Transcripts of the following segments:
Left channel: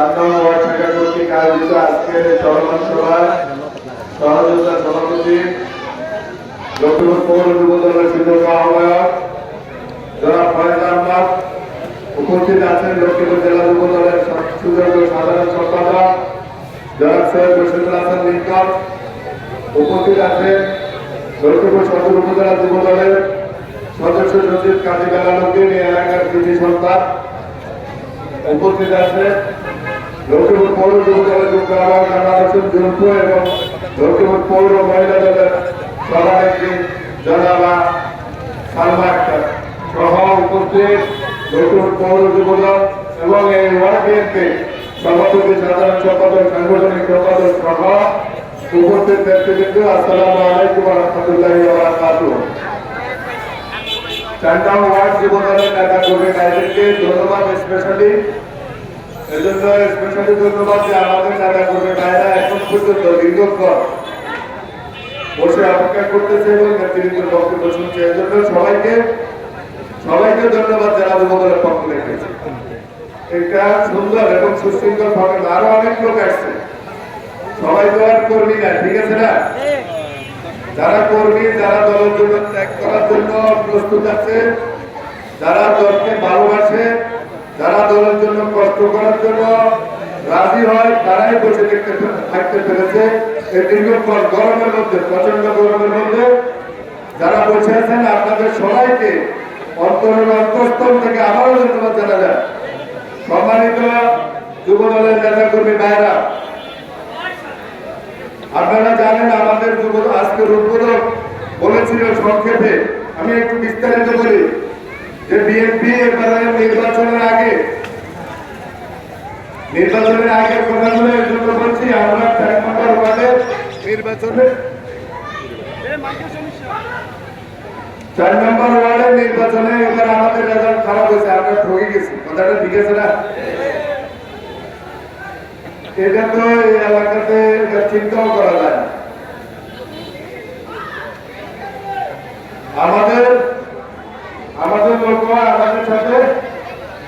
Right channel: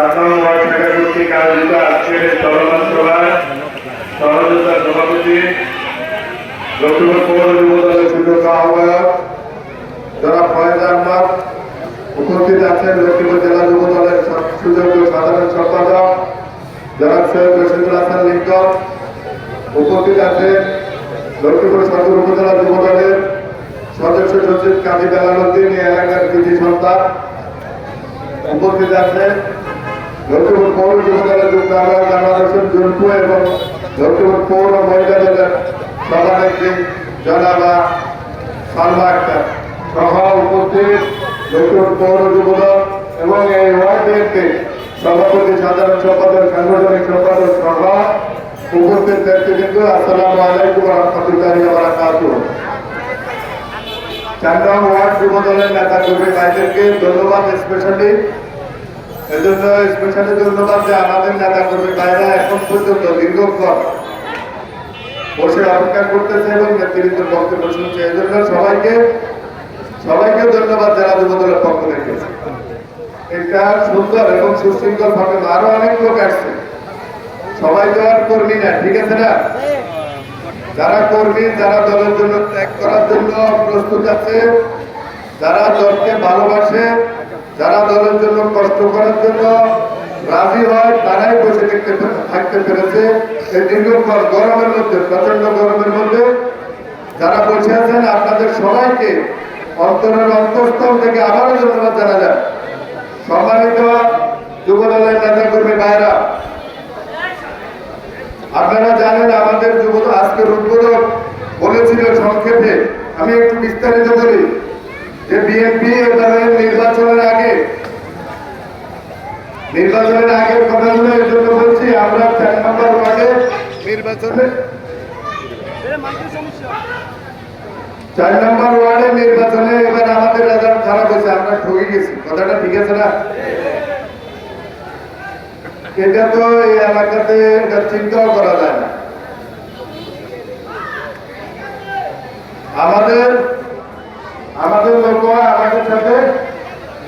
কর্তৃক আয়োজিত আজকের চলমান সভায় সহযোগিতার সভাপতি লক্ষ্মীপুর পৌর যুব দলের সুযোগ্য আহ্বায়ক যারা ফয়েজ আহমদ, উপস্থিত আছেন লক্ষ্মীপুর জেলা যুব দলের সুযোগ্য সাধারণ সম্পাদক জনাব সৈয়দ রশিদুল হাসান লিঙ্কন, উপস্থিত আছেন লক্ষ্মীপুর সদর উপজেলা যুব দলের সদস্য সচিব কাজী বেলাল উদ্দিন, এই এলাকার কৃষি সন্তান, উপস্থিত আছে লক্ষ্মীপুর পৌর যুব দলের যুগ্ম আহ্বায়ক আনোয়ার হোসেন জুনপু এবং লক্ষ্মীপুর পৌর মহিলা দলের সভানেত্রী জনাবা সালমা আক্তার সহ উপস্থিত লক্ষ্মীপুর পৌর যুব দল এবং এই ওয়ার্ড বিএনপির সভাপতি, সাধারণ সম্পাদক, সাংগঠনিক সম্পাদক সহ উপস্থিত ব্যক্তিবৃন্দ, আসসালামু আলাইকুম ওয়া রাহমাতুল্লাহি ওয়া বারাকাতুহু। চারগাঁও ওয়ার্ড যুব দলের নেতা কর্মী ভাইদেরকে ধন্যবাদ, স্পেশালি ধন্যবাদ যে আমাদের নেতা কর্মী ভাইরা এখন পর্যন্ত দীর্ঘক্ষণ বসে অপেক্ষা করতেছে এবং নেতৃত্বের বক্তব্য শুনছে। এই জন্য সবাইকে ধন্যবাদ জেলা যুব দলের পক্ষ থেকে। এটা সুন্দর এবং সুশৃঙ্খল ভাবে আরো অনেক লোক আসছে, সবাই তো আর কর্মী না, ঠিক আছে না? যারা কর্মী, যারা দলের জন্য ত্যাগ করার জন্য প্রস্তুত আছে, যারা দলকে ভালোবাসে, যারা দলের জন্য কষ্ট করার জন্য রাজি হয়, তারাই বসে থাকতে পেরেছে এই দীর্ঘক্ষণ গরমের মধ্যে, প্রচন্ড গরমের মধ্যে যারা বসে আছেন। আপনাদের সবাইকে অন্তরের অন্তঃস্থল থেকে আবারও ধন্যবাদ জানা যায়। সম্মানিত যুব দলের নেতা কর্মী ভাইরা, আপনারা জানেন আমাদের যুব আজকের উদ্বোধক বলেছিল সংক্ষেপে, আমি একটু বিস্তারিত বলি যে বিএনপি এবারে নির্বাচনের আগে কথাগুলো এর জন্য বলছি। আমরা 4 নম্বর ওয়ার্ডে নির্বাচনে এবার আমাদের রেজাল্ট খারাপ হয়েছে, আমরা ঠকে গেছি। কথাটা ঠিক আছে না? এটা তো এই এলাকাতে চিন্তাও করা যায় না। আমাদের লোক আমাদের সাথে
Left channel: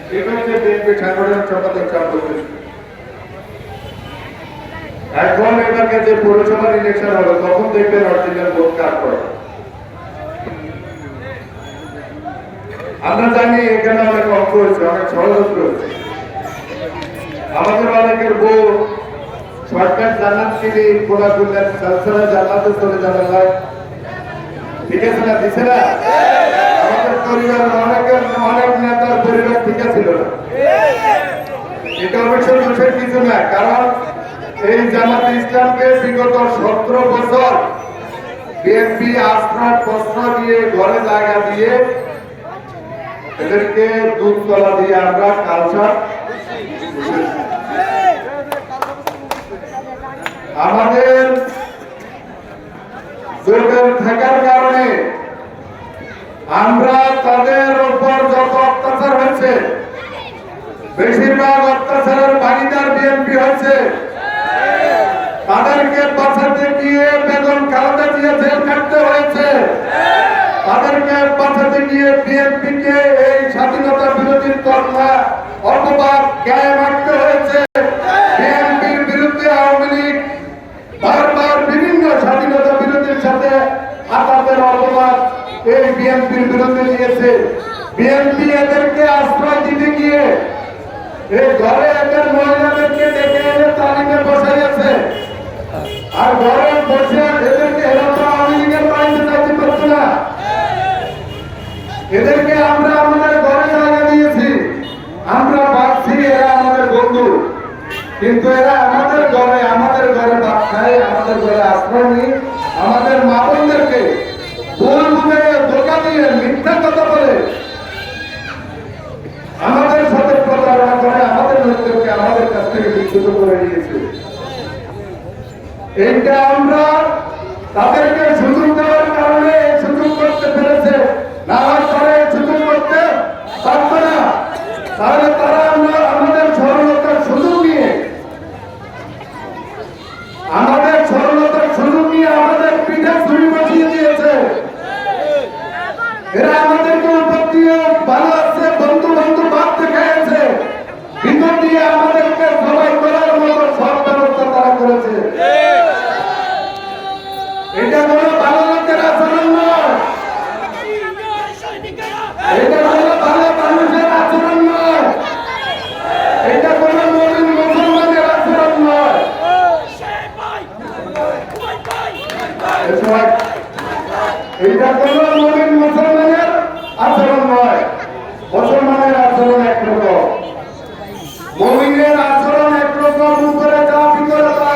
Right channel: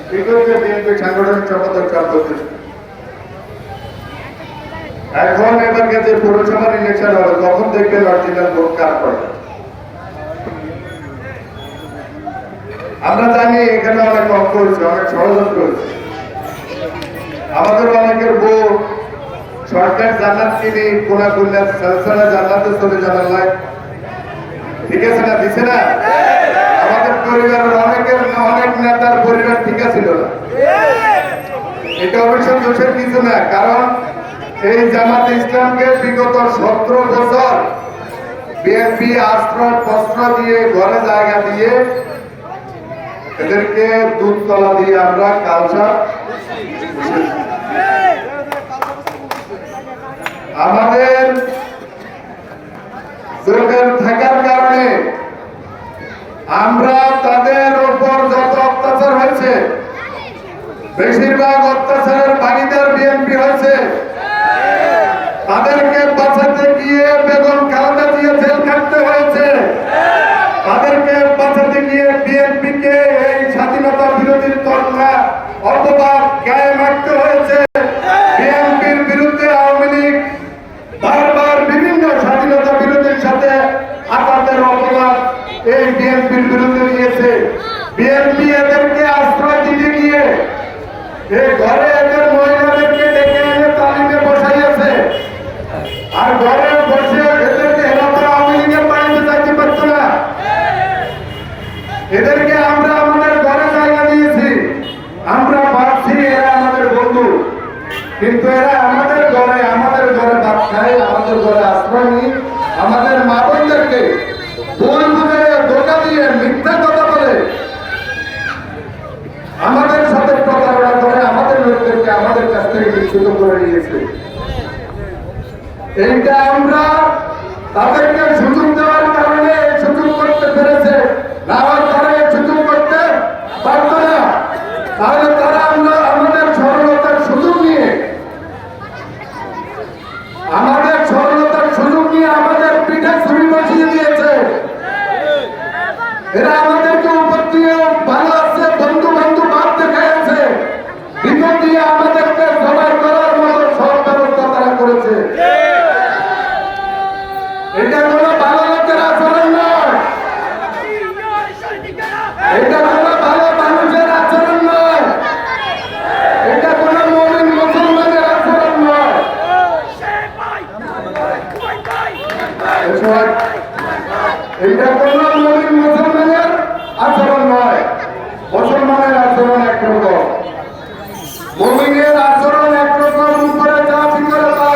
বিএনপি সাংগঠনিক সম্পাদক কাজ করতেছে। এখন এবার যে পৌরসভার ইলেকশন হবে তখন দেখবেন অরিজিনাল ভোট কার পড়ে। আমরা জানি এখানে অনেক অঙ্ক হচ্ছে, অনেক ষড়যন্ত্র হচ্ছে। আমাদের অনেকের ভোট সরকার জান্নাত কিনে কোনা করলেন, সালসালা জান্নাতে চলে যাওয়ার লাই, ঠিক আছে না? দিছে না? আমাদের পরিবারের অনেক নেতার পরিবার ঠিক ছিল না। এটা অবশ্য দোষের কিছু না, কারণ এই জামাতে ইসলামকে বিগত 17 বছর বিএনপি আশ্রয় প্রশ্ন দিয়ে, ঘরে জায়গা দিয়ে, এদেরকে দুধ তলা দিয়ে আমরা কালচা আমাদের জোটের থাকার কারণে আমরা তাদের উপর যত অত্যাচার হয়েছে, বেশিরভাগ অত্যাচারের ভাগিদার বিএনপি হয়েছে। তাদেরকে বাঁচাতে গিয়ে বেগম খালেদা জিয়া জেল কাটতে হয়েছে। তাদেরকে বাঁচাতে গিয়ে বিএনপিকে এই স্বাধীনতা বিরোধী তথ্যা অপবাদ গায়ে মারতে হয়েছে। বিএনপির বিরুদ্ধে আওয়ামী লীগ বারবার বিভিন্ন স্বাধীনতা বিরোধীর সাথে আঘাতের অপবাদ এই বিএনপির বিরুদ্ধে নিয়েছে। বিএনপি এদেরকে আশ্রয় দিতে গিয়ে এই ঘরে এদের মহিলাদেরকে ডেকে এনে তালিমে বসাইয়াছে, আর ঘরে বসে এদেরকে হেরাতে আওয়ামী লীগের বাড়িতে যাইতে পারতো না। এদেরকে আমরা আমাদের ঘরে জায়গা দিয়েছি, আমরা ভাবছি এরা আমাদের বন্ধু, কিন্তু এরা আমাদের ঘরে ভাত খায়, আমাদের ঘরে আশ্রয় নিয়ে আমাদের মা বোনদেরকে ভুল বুঝে ধোঁকা দিয়ে মিথ্যা কথা বলে আমাদের সাথে প্রতারণা করে আমাদের লোকদেরকে আমাদের কাছ থেকে বিচ্যুত করে নিয়েছে। এইটা আমরা তাদেরকে সুযোগ দেওয়ার কারণে সুযোগ করতে পেরেছে, না হয় তারা এই সুযোগ করতে পারত না। তাহলে তারা আমাদের সরলতার সুযোগ নিয়ে আমাদের পিঠে ছুরি বসিয়ে দিয়েছে। এরা আমাদেরকে উপর দিয়ে ভালো আছে, বন্ধু ভাব দেখাচ্ছে, ভিতর দিয়ে আমাদেরকে সবাই মুমিনের আচরণ একরকম, উপরে যা ভিতরে তা।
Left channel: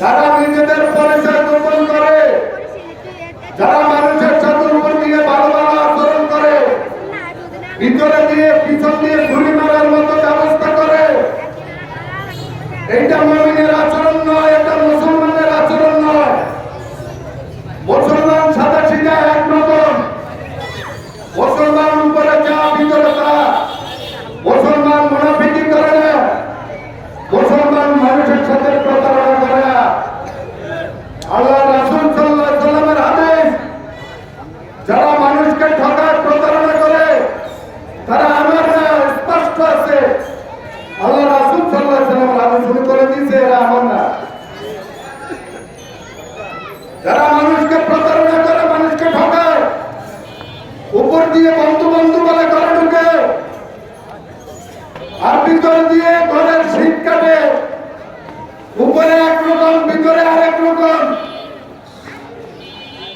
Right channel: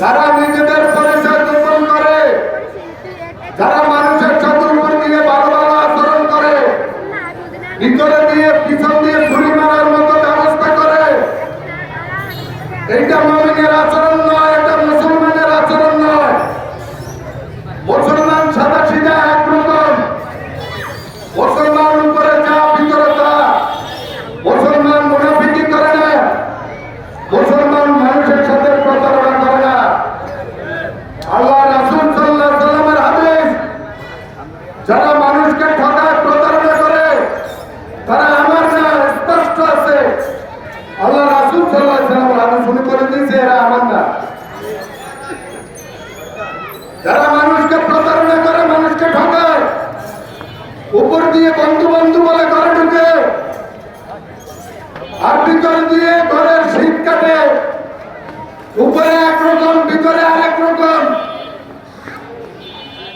যারা নিজেদের পরিচয় গোপন করে, যারা মানুষের চোখের উপর দিয়ে ভালো ভালো আচরণ করে, ভিতরে দিয়ে পিছন দিয়ে ছুরি মারার মতো ব্যবস্থা করে, এইটা মুমিনের আচরণ নয়, এটা মুসলমানের আচরণ নয়। মুসলমান সাদা সিধা একরকম, মুসলমান উপরে যা ভিতরে তা। মুসলমান মুনাফিকি করে না, মুসলমান মানুষের সাথে প্রতারণা করে না। আল্লাহ রাসূল সাল্লাল্লাহু আলাইহি ওয়াসাল্লামের হাদিস, যারা মানুষকে ঠকায় প্রতারণা করে তারা আমার না, স্পষ্ট আছে। আল্লাহ রাসূল সাল্লাল্লাহু আলাইহি ওয়াসাল্লাম হাদিস শুরু করে দিয়েছে, এরা আমার না। যারা মানুষকে প্রতারণা করে, মানুষকে ঠকায়, উপর দিয়ে বন্ধু বন্ধু বলে ঘরে ঢুকে আর ভিতর দিয়ে ঘরের শীত কাটে, উপরে একরকম ভিতরে আরেক রকম,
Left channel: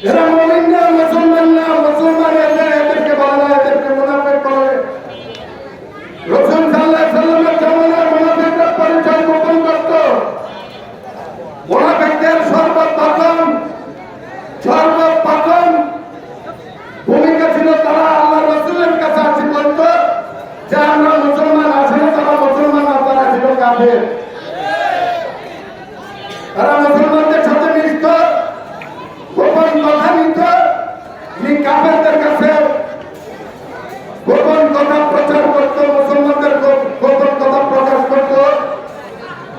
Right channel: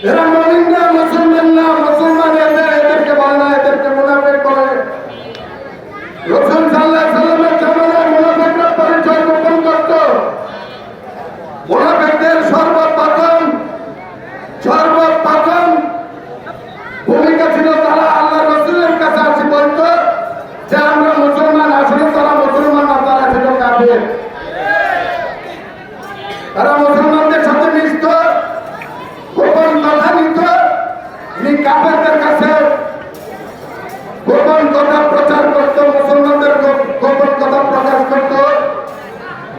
এরা মুমিন না, মুসলমান না। মুসলমান এদেরকে বলে না, এদেরকে মুনাফিক বলে। রাসূল সাল্লাল্লাহু আলাইহি ওয়াসাল্লামের জামানায় মুনাফিকরা পরিচয় গোপন করত। মুনাফিকদের সর্বপ্রথম ভূমিকা ছিল তারা আল্লাহ রাসূলের কাছে আসি বলতো যে আমরা মুসলমান। আসলে তারা মুসলমান না, তারা ছিল কাফের। তারা মুসলমানদের সাথে মিশত, গোপন কথা নিত, কাফেরদের কাছে গোপন কথা প্রচার করত, মুসলমানদের গোপন কথা প্রকাশ করত,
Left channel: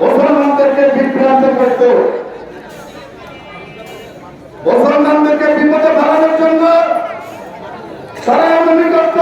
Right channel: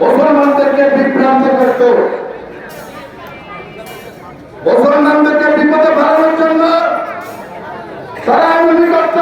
মুসলমানদেরকে বিভ্রান্ত করত। মুসলমানদেরকে বিপদে ফেলানোর জন্য তারা এমনি করত।